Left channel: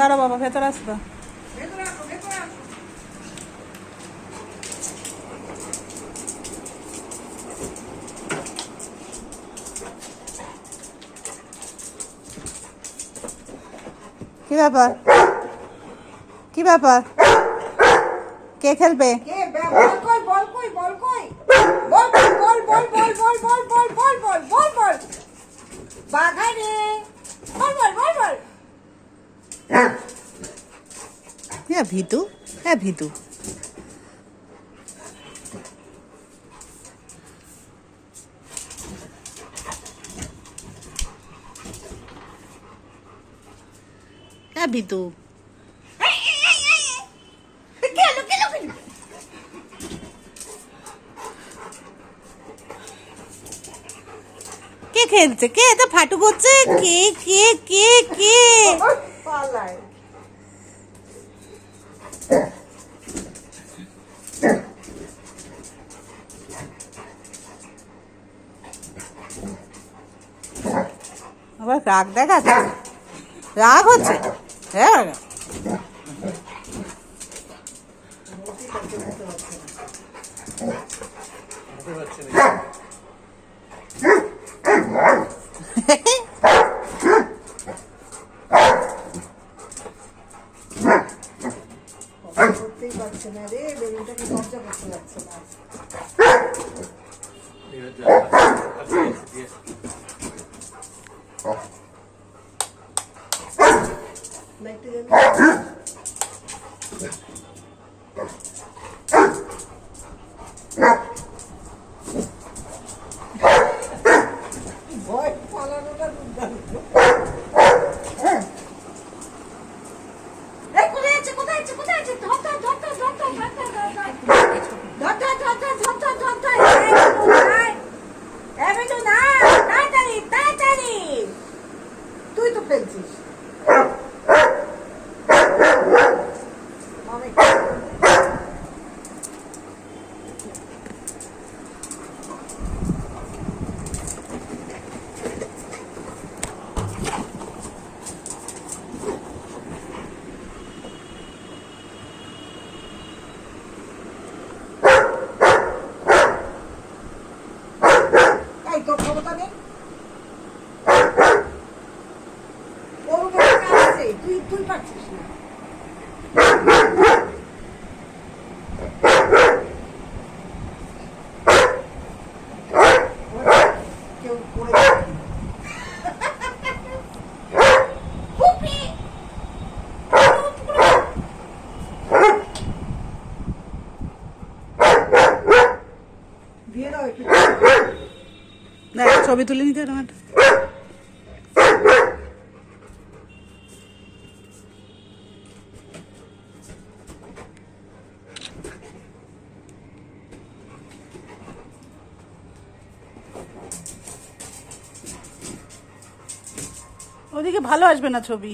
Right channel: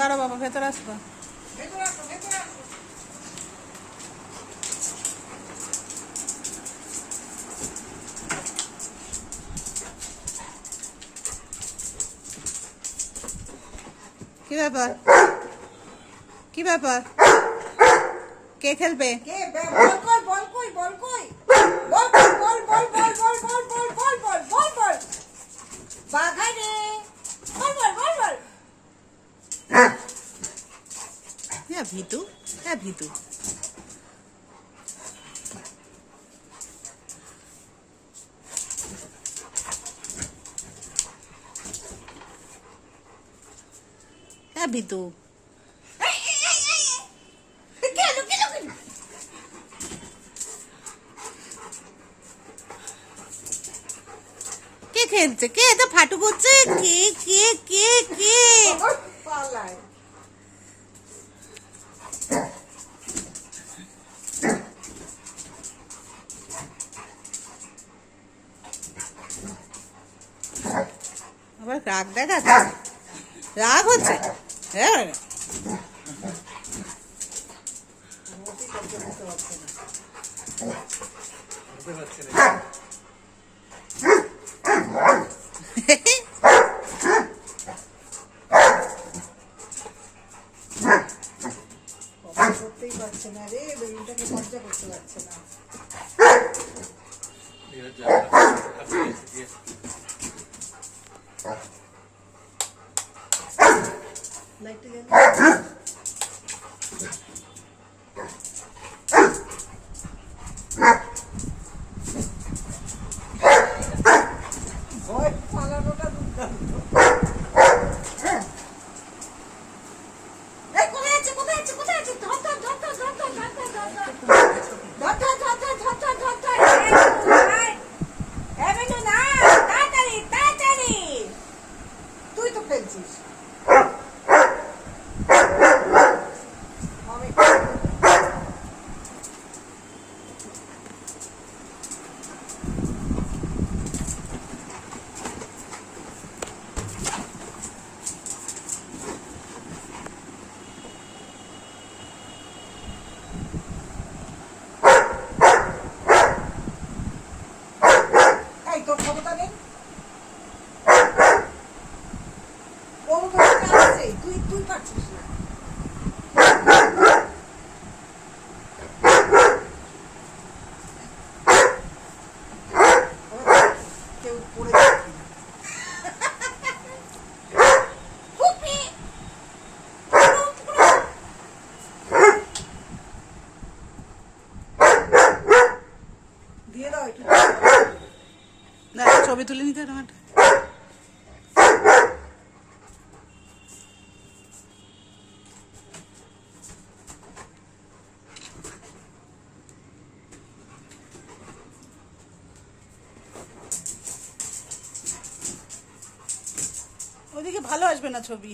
দাঁড়াও বাবা, ভেতরে আসবা। কি ব্যাপার, কি ব্যাপার? কে খেলবে? ভিতু, হ্যাঁ ভিতু। হ্যাঁ ভিতু, কে খেলছে? কে এটা ফাটু করছে? কে কে কে কে? আবার রাগ দেখাচ্ছে, রাগ হচ্ছে। হ্যাঁ করতেই পারছে না রে, বেলুনটাকে কবজা করতে পারছে না। তুই তো ফেলছিস। তোর ক্ষমতা নেই, তুই তুই পারছিস না। কেউ করে দিয়ে দাও একটু, ছবি তুলে নিতে আমার। ওদিকে ভালো আসবে না ছবি।